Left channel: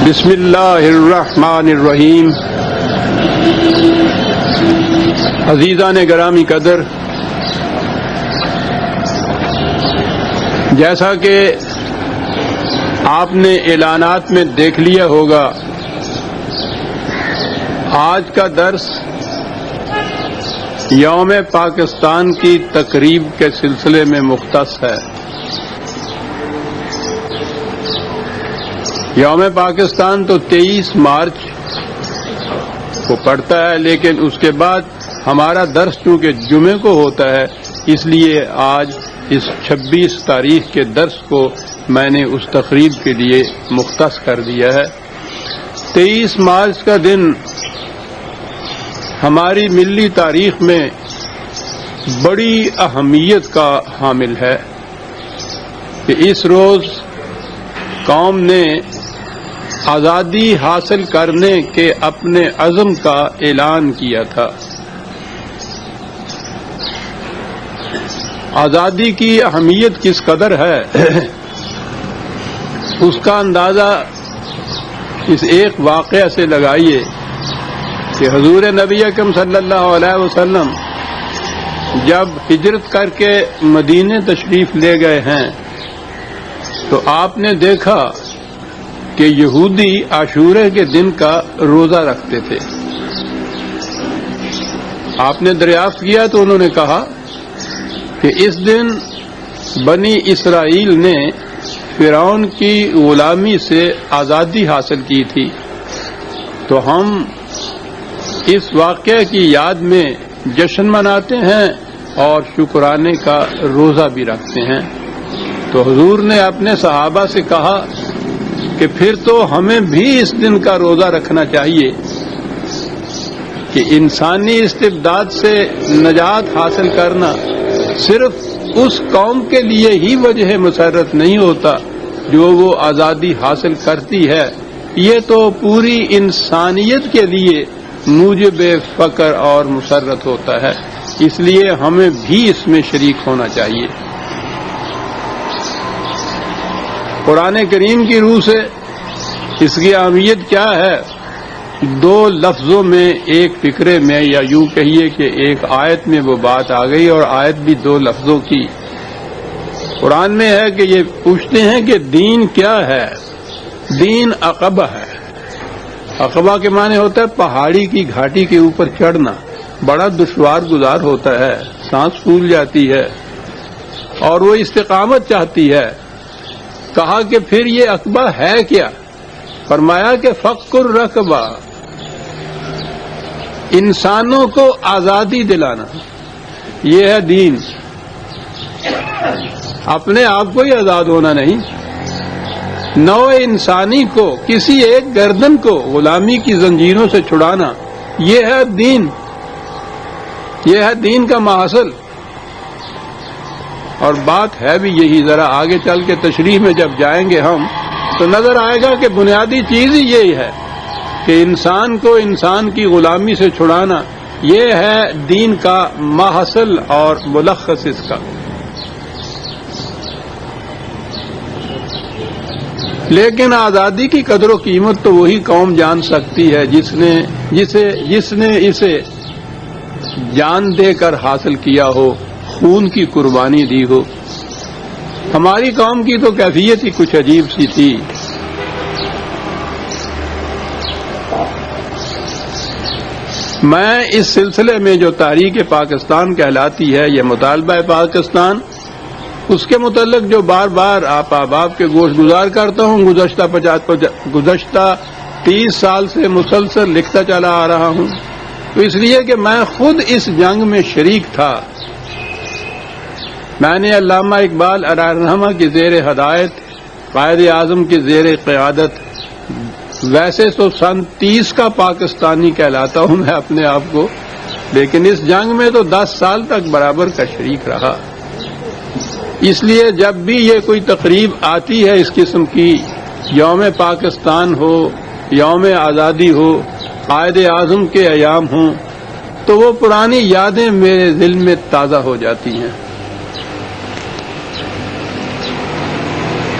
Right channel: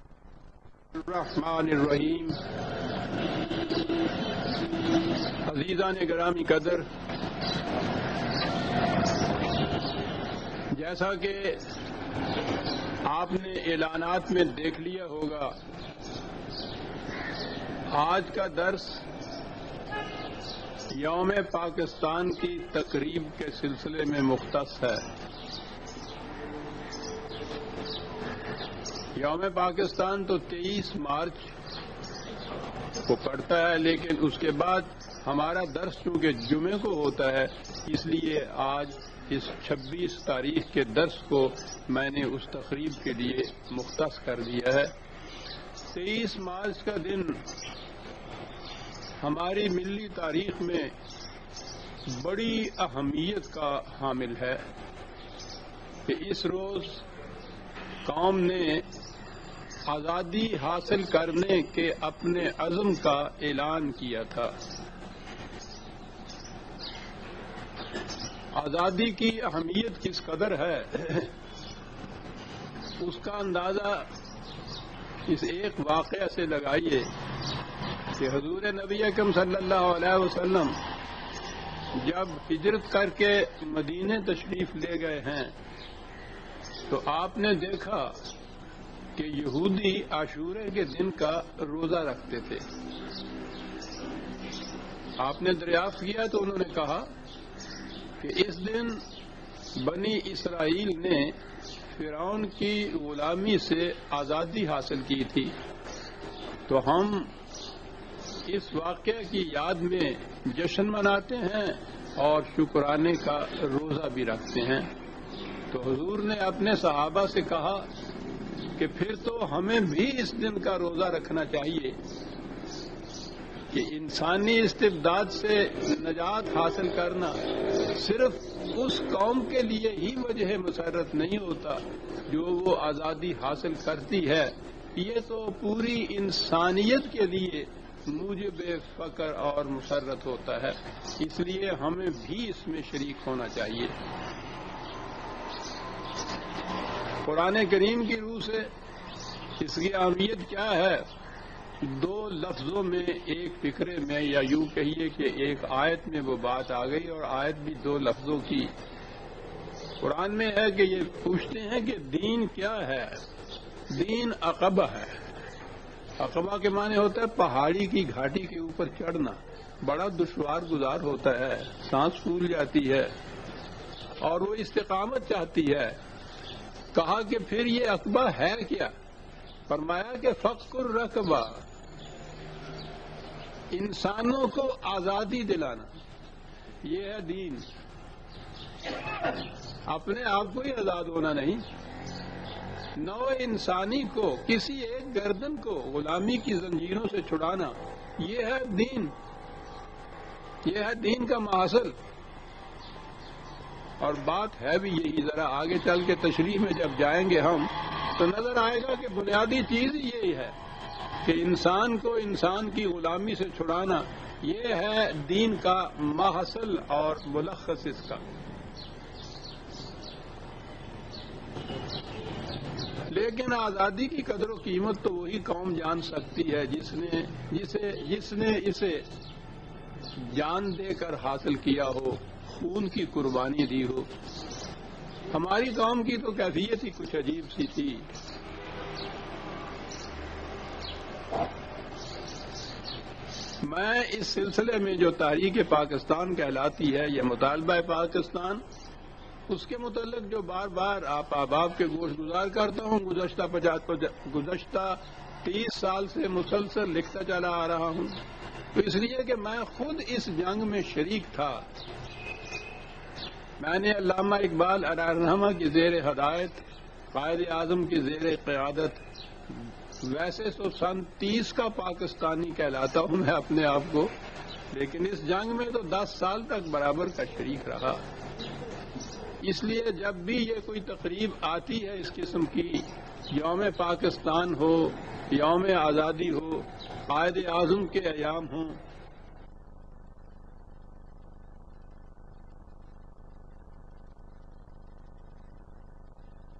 بسم اللہ الرحمن الرحیم۔ عزیزان گرامی قدر، جیسا کہ آپ نے اعلانات میں دیکھ لیا ہوگا، آج کا درس یوم پاکستان کی تقریب کے سلسلے میں مختص ہے۔ یوم پاکستان تو 23 مارچ کو پڑتا ہے، لیکن اس کے بعد ہمارا درس چونکہ جمعے کو ہوتا ہے، اس لیے آج اس 26 تاریخ کے درس کو میں نے اس تقریب کے لیے مختص کر دیا ہے۔ 23 مارچ کا دن ہماری ملی تاریخ میں بڑی اہمیت کا حامل ہے کہ اس روز قوم نے آزادی حاصل کرنے کے اپنے عزم کا اعلان کیا تھا۔ آزادی کی اہمیت کس قدر ہے اس کا اندازہ اس ایک واقعہ سے لگائیے کہ حضور نبی اکرم صلی اللہ علیہ وسلم جب ہجرت کر کے مدینے تشریف لے گئے ہیں تو آپ نے دیکھا کہ یہودی عاشورہ کے دن کا روزہ رکھتے تھے۔ آپ نے دریافت کیا تو انہوں نے کہا کہ اس دن بنی اسرائیل نے فرعون کی غلامی سے آزادی حاصل کی تھی، تو ہم اس واقعے کی یاد میں جشن مناتے ہیں اور شکرانے کا روزہ بھی رکھتے ہیں۔ تو حضور نے اپنے صحابہ سے کہا کہ پھر تو ہمیں بھی اس دن کا روزہ رکھنا چاہیے کہ انسانی استبداد سے نجات حاصل کرنا صرف اس قوم کے لیے ہی وجہ مسرت نہیں ہوتا جو وہ آزادی حاصل کرتی ہے، یہ تو پوری انسانیت کے لیے موجب فخر اور مسرت ہوتا ہے۔ اس لیے ہمیں بھی اس میں شریک ہونا چاہیے۔ قرآن کریم کی روح سے اس کی اہمیت کیا ہے؟ 2 لفظوں میں، ایک فقرے میں، یا یوں کہیے کہ ایک آیت میں وہ بات آ گئی، اور آیت بھی 2 لفظوں کی۔ قرآن میں ہے کہ یہ پوچھتے ہیں کہ دین کیا ہے؟ دین عقبہ ہے۔ عقبہ کے معنی ہوتا ہے پہاڑی کی گھاٹی کے اوپر چڑھنا، بڑا دشوار گزار ہوتا ہے، سانس پھول جاتی ہے اور وہ استقامت چاہتی ہے۔ کہا کہ پھر یہ عقبہ ہے کیا؟ فرمایا کہ فک الرقبہ، انسانوں کو آزادی دلانا، یہ ہے دین۔ اپنے آپ کو ہی آزاد ہونا نہیں، نوع انسانی کو، کسی ایک گردن کو غلامی کی زنجیروں سے چھڑانا، یہ ہے دین، یہ ہے دین کا محصل۔ اور بات ہے بھی یہی، ذرا آگے چل کے تشریح میں جب جائیں گے ہم تو نظر آئے گا کہ بنیادی چیز ہی یہی ہے کہ انسان کو انسان کی غلامی سے چھڑانا، یہ ہے دین کا محصل اور ملخص اس کا۔ لیکن آزادی کی قدر و قیمت تو وہی قوم جان سکتی ہے جس نے اسے جان دے کر حاصل کیا ہو، خون کی قربانی دی ہو۔ ہماری قوم کی تو کیفیت ہی کچھ عجیب سی تھی۔ میں اس سلسلے میں جو تحریک پاکستان کہلاتی ہے، یہ مطالبہ پاکستان، اس کے متعلق جو بار بار آپ احباب کے گوش گزار کرتا ہوں، گزشتہ 30 سال سے مسلسل لکھتا چلا آ رہا ہوں، تو اس لیے کہ میں خود اس جنگ میں شریک تھا۔ میں نے علامہ اقبال علیہ الرحمہ کی زیر ہدایت، قائد اعظم کی زیر قیادت، ویسے تو سن 30 کا پاکستانی کہلاتا ہوں میں اپنے آپ کو، لیکن اس جنگ میں تو 10 سال تک برابر کا شریک رہا۔ اس لیے جب بھی یہ کوئی تقریب آتی ہے اس قسم کی، یوم پاکستان ہو، یوم آزادی ہو، قائد اعظم کے ایام ہوں، تو وہ پرانی یادیں میرے دل میں تازہ ہو جاتی ہیں۔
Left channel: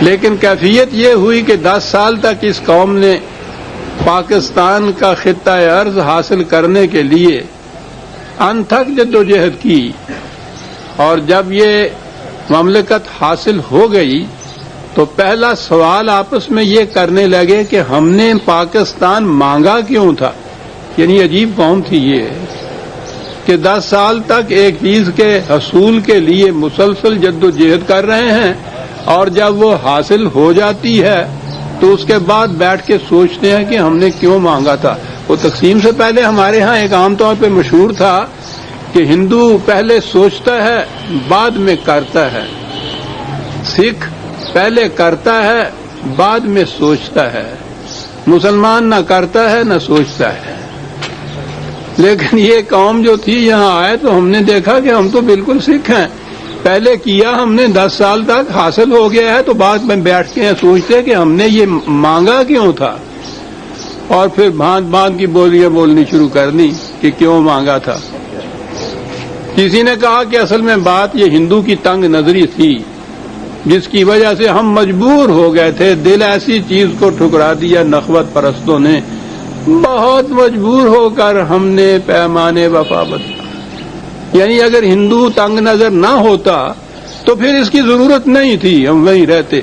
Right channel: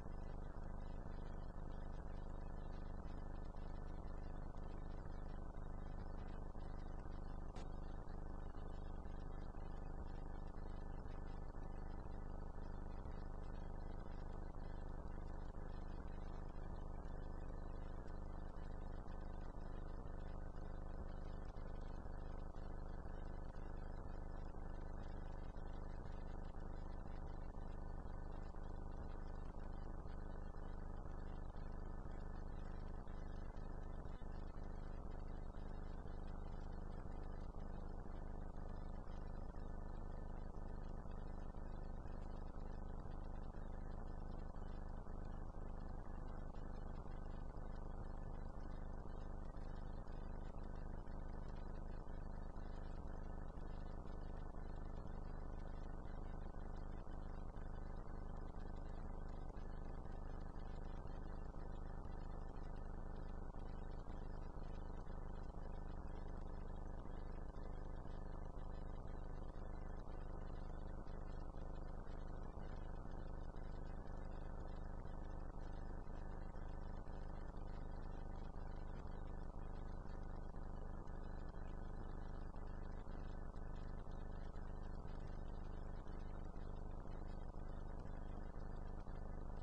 لیکن کیفیت یہ ہوئی کہ 10 سال تک اس قوم نے پاکستان کا خطہ ارض حاصل کرنے کے لیے انتھک جدوجہد کی، اور جب یہ مملکت حاصل ہو گئی تو پہلا سوال آپس میں یہ کرنے لگے کہ ہم نے پاکستان مانگا کیوں تھا۔ یعنی عجیب قوم تھی یہ کہ 10 سال تک ایک چیز کے حصول کے لیے مسلسل جدوجہد کر رہے ہیں، اور جب وہ حاصل ہو جاتی ہے تو اس کے بعد بیٹھ کے سوچتے ہیں کہ ہم نے کیوں مانگا تھا۔ وہ تقسیم سے پہلے ہمارے ہاں ایک عام طور پہ مشہور تھا کہ ہندو پہلے سوچتا ہے بعد میں کرتا ہے، سکھ پہلے کرتا ہے بعد میں سوچتا ہے، مسلمان نہ کرتا ہے نہ سوچتا ہے۔ لیکن یہ قوم جو تھی یہاں آئے تو ہم نے دیکھا کہ ہم تو بالکل سکھ ہیں، پہلے کیا ہم نے 10 سال تک حاصل ہو گیا ہے تو بعد میں بیٹھ کے سوچتے کہ ہم نے یہ مانگا کیوں تھا، اور پھر بھانت بھانت کی بولیاں بولنی شروع کر دی کہ کیوں مانگا تھا۔ کسی نے کہا کہ اصل میں بات یہ ہندو کی تنگ نظری تھی جس کی وجہ سے ہم مجبور ہو گئے تھے، دل ایسی چیز کو ٹھکرا دیا نخوت پرستوں نے، بہت مجبور ہو کر ہم نے پیمانے وفا بدلا۔ یعنی اگر ہندو تنگ نظر نہ ہوتا تو پھر اس کی ضرورت نہیں تھی، ہم وہیں رہتے۔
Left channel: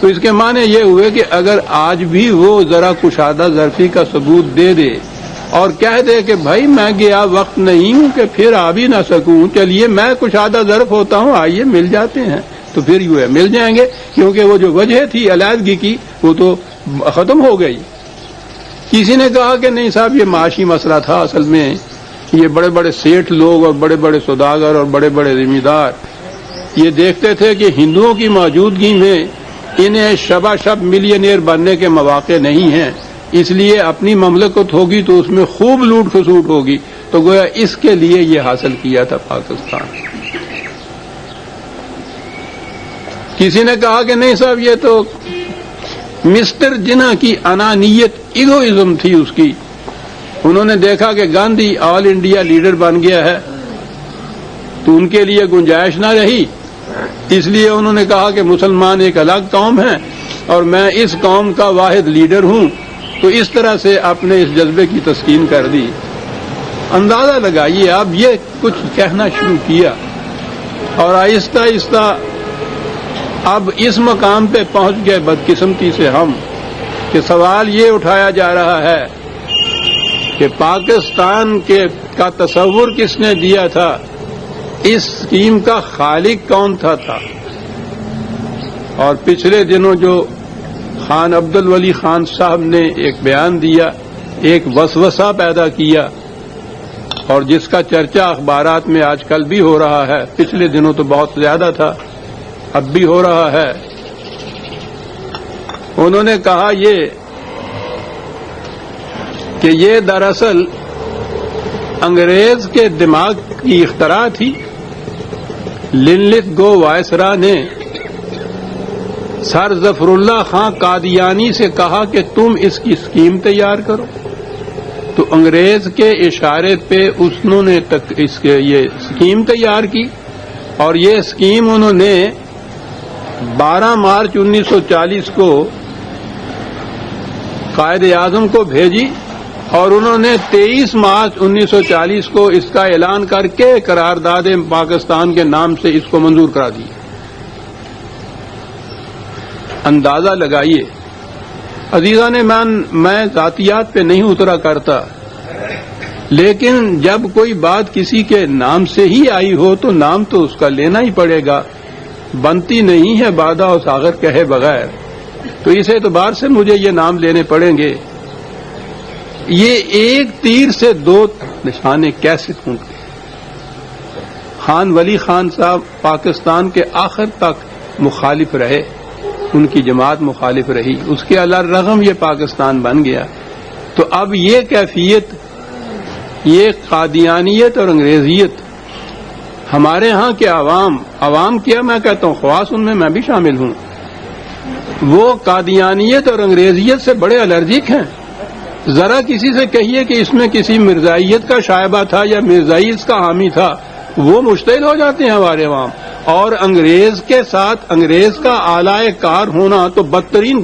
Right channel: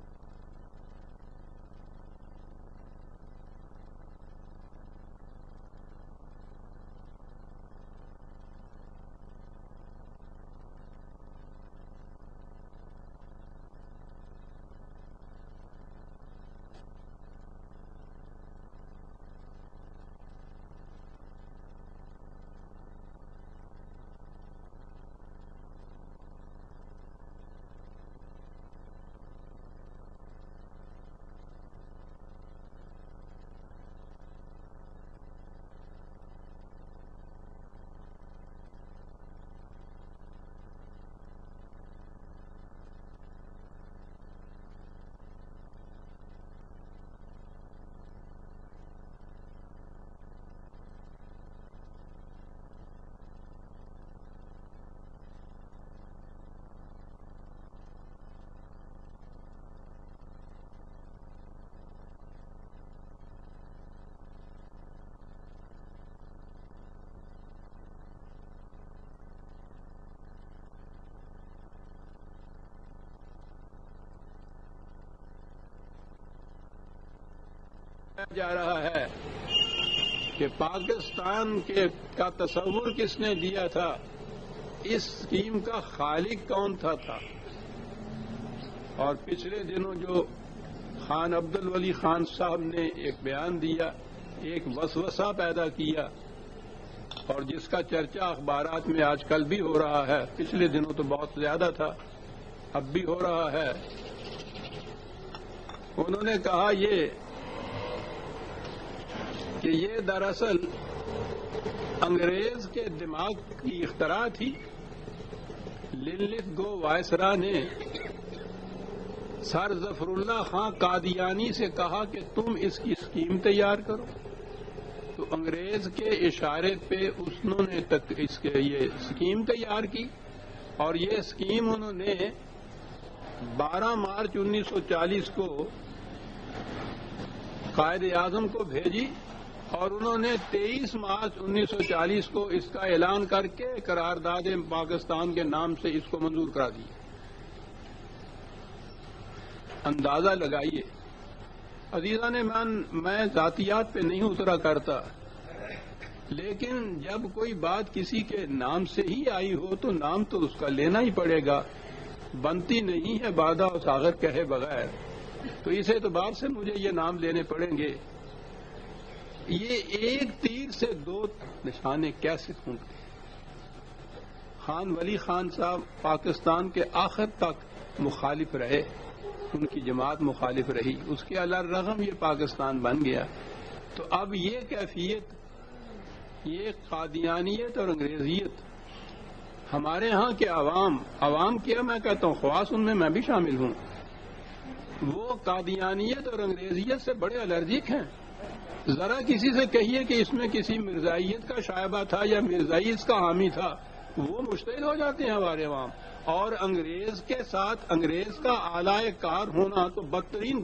تو اس کے معنی یہ ہوئے کہ اگر آج بھی وہ ذرا کشادہ ظرفی کا ثبوت دے دے اور کہہ دے کہ بھائی میں گیا وقت نہیں ہوں کہ پھر آ بھی نہ سکوں، چلیے میں کشادہ ظرف ہوتا ہوں، آئیے مل جاتے ہیں، تو پھر یوں ہے مل جائیں گے، کیونکہ وہ جو وجہ تھی علیحدگی کی وہ تو ختم ہو گئی۔ کسی نے کہا کہ نہیں صاحب یہ معاشی مسئلہ تھا، اصل میں یہ بڑے بڑے سیٹھ لوگ اور بڑے بڑے سوداگر اور بڑے بڑے ذمہ دار یہ دیکھتے تھے کہ ہندوؤں کی موجودگی میں انہیں شبہ شب ملینئر بننے کے مواقع نہیں ہیں، اس لیے اپنی مملکت ہوگی تو اس میں خوب لوٹ کھسوٹ ہوگی، تو گویا اس کے لیے یہ حاصل کیا تھا پاکستان۔ کسی نے کہا کہ نہیں صاحب یہ تو مسٹر جناح کی انانیت، ایگوئزم تھی اس کی، انہوں نے دیکھا کہ گاندھی آل انڈیا لیڈر بن گیا ہے تو ان کے لیے گنجائش نہ رہی، اس لیے انہوں نے کہا کہ مسلمان ایک الگ قوم ہے اور میں اس قوم کا واحد لیڈر ہوں، تو اس طرح سے اپنے اس جذبے کی تسکین کر دی۔ اندازہ لگائیے اب یہ کچھ کہنا شروع کیا اور آہستہ آہستہ اب اس مقام پہ پہنچ گئے بدقسمتی سے ہم کہ سوال یہ اٹھایا جا رہا ہے کہ پاکستان کا تصور کس نے دیا تھا، اس اسکیم کا خالق کون تھا۔ اور پچھلے دنوں جو خان عبد الولی خان صاحب نے ایک بیان دیا، ایک وسوسہ پیدا کیا، اور جس کا چرچہ اخبارات میں آج کل بھی ہو رہا ہے، پچھلے دنوں تو بہت زیادہ تھا، اب بھی ہو رہا ہے۔ انہوں نے کہا کہ یہ دراصل انگریز کے دماغ کی اختراع تھی۔ لنلت گو وائسرا نے سر ظفر اللہ خان قادیانی سے کہا کہ تم اس کی اسکیم تیار کرو، تو انگریز کے اشارے پہ انہوں نے یہ اسکیم تیار کی، اور یہ اسکیم انہوں نے 12 مارچ 1940 کو قائد اعظم کو بھیجی، اور انہوں نے 23 مارچ 1940 کو اس کا اعلان کر کے قرارداد پاکستان کے نام سے اس کو منظور کرا دی۔ اندازہ لگائیے عزیزان، میں ذاتیات پہ نہیں اترا کرتا، لیکن جب کوئی بات کسی کے نام سے ہی آئی ہو تو نام تو اس کا لینا ہی پڑے گا، بنتی نہیں ہے بادہ و ساغر کہے بغیر، تو اس اعتبار سے مجھے یہ نام لینے پڑیں گے۔ یہ ایک تیر سے 2 نشانے کیسے ٹوٹ گئے؟ خان ولی خان صاحب پاکستان کے آخر تک مخالف رہے، ان کی جماعت مخالف رہی، اس کے الرغم یہ پاکستان بن گیا۔ تو اب یہ کیفیت، یہ قادیانیت اور انگریزیت ہمارے ہاں کے عوام کیا میں کہتا ہوں، خواص ان میں بھی شامل ہوں، وہ قادیانیت اور انگریزیت سے بڑے الرجک ہیں۔ ذرا کسی سے کہیے کہ اس میں کسی مرزائیت کا شائبہ تھا یا مرزائی اس کا حامی تھا، وہ مشتعل ہو جاتے ہیں ہمارے عوام، اور انگریز کے ساتھ انگریز کا آلائے کار ہونا تو بدترین